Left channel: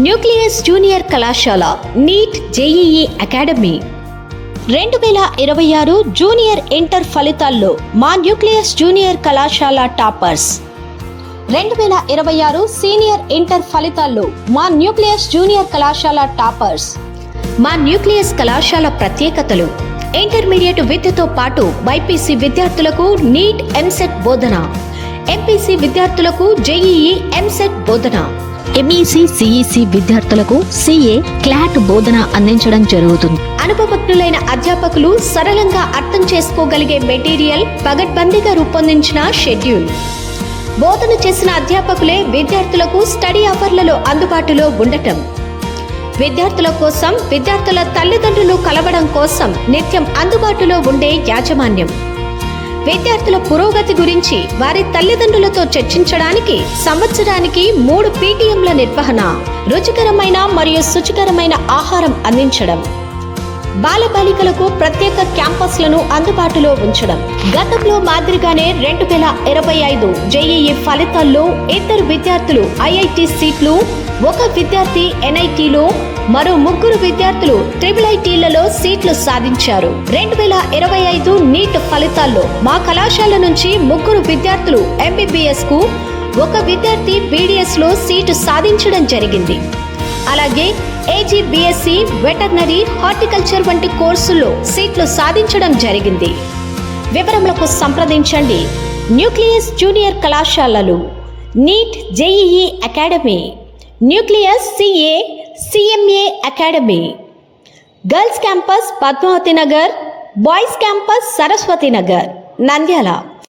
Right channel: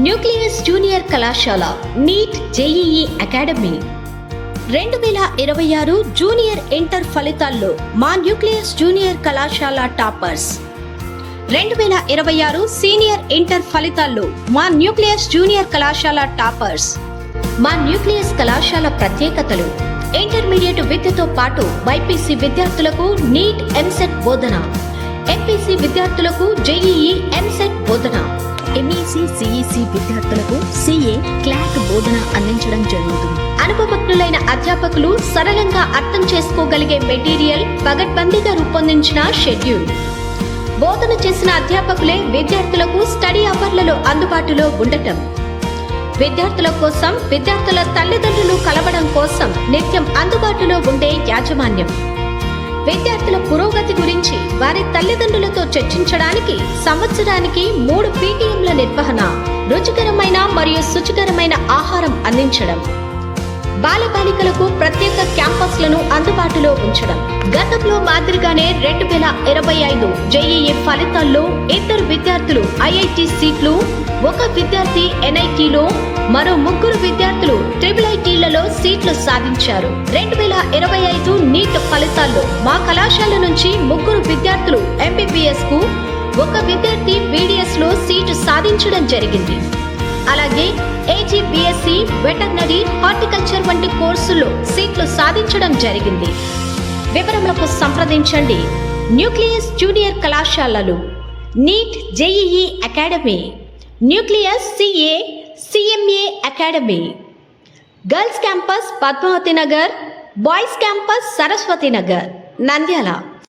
Nucleus junior కళాశాల neat JEE academy 2026 junior inter ఫలితాల్లో మా న్యూక్లియస్ జూనియర్ కళాశాల టాపర్స్. 2026 సీనియర్ ఇంటర్ ఫలితాల్లో మా న్యూక్లియస్ జూనియర్ కళాశాల టాపర్స్. మా న్యూక్లియస్ కళాశాల ప్రత్యేకతలు: ఇంటర్మీడియట్ విద్యతో పాటు బైపీసీ విద్యార్థులకు నీట్ ఎంసెట్ బోధన, ఎంపీసీ విద్యార్థులకు జేఈఈ ఎంసెట్ బోధన, ఎంఈసీ సిఈసీ విద్యార్థులకు సిఏ క్లాట్ బోధన అందించడం జరుగుతుంది. అనుభవజ్ఞులైన అధ్యాపకులు సరళంగా అర్థం చేసుకోగలిగే మెటీరియల్ పగడ్బందీగా రూపొందించిన షెడ్యూల్. బోధన చేసిన అధ్యాపకులే విద్యార్థులకు స్టడీ అవర్లలో అందుబాటులో ఉండటం. విద్యార్థుల కోసం విద్యార్థుల తల్లిదండ్రులు కలవడం కోసం నిత్యం అందుబాటులో ఉండే యాజమాన్యం. విద్యార్థుల పురోగతి గురించి వారి తల్లిదండ్రులతో చర్చించడానికి సంవత్సరానికి 3 పీటీఎంల నిర్వహణ. రుచికరమైన మరియు శుచికరమైన ఆహారం అందించడం. బాలబాలికలకు ప్రత్యేక క్యాంపస్లను అందుబాటులో ఉంచడం. గతంలో మాదిరిగానే 2025 జేఈఈ ఫలితాల్లో 2 విద్యార్థులు ఐఐటి సీట్లు, 1 విద్యార్థి ఎన్ఐటిలో, మరో 3 విద్యార్థులు ట్రిపుల్ఐటీలలో సీట్లు సాధించారు. 2025 నీట్ ఫలితాల్లో మా కళాశాల నుంచి 3 విద్యార్థులు ఎంబీబీఎస్ కు, 1 విద్యార్థి బీడీఎస్ లో సీటు సాధించడం జరిగింది. అలాగే ఏజీ బీఎస్సీ, వెటర్నరీ, హార్టికల్చర్ వంటి కోర్సుల్లో సీట్లు సాధించడం జరిగింది. వివరములకు సంప్రదించండి న్యూక్లియస్ జూనియర్ కళాశాలలు, NEET JEE academy, Nucleus CA CMA academy, girls campus Padmavathi Nagar, boys campus Saraswathi Nagar, Nandyal.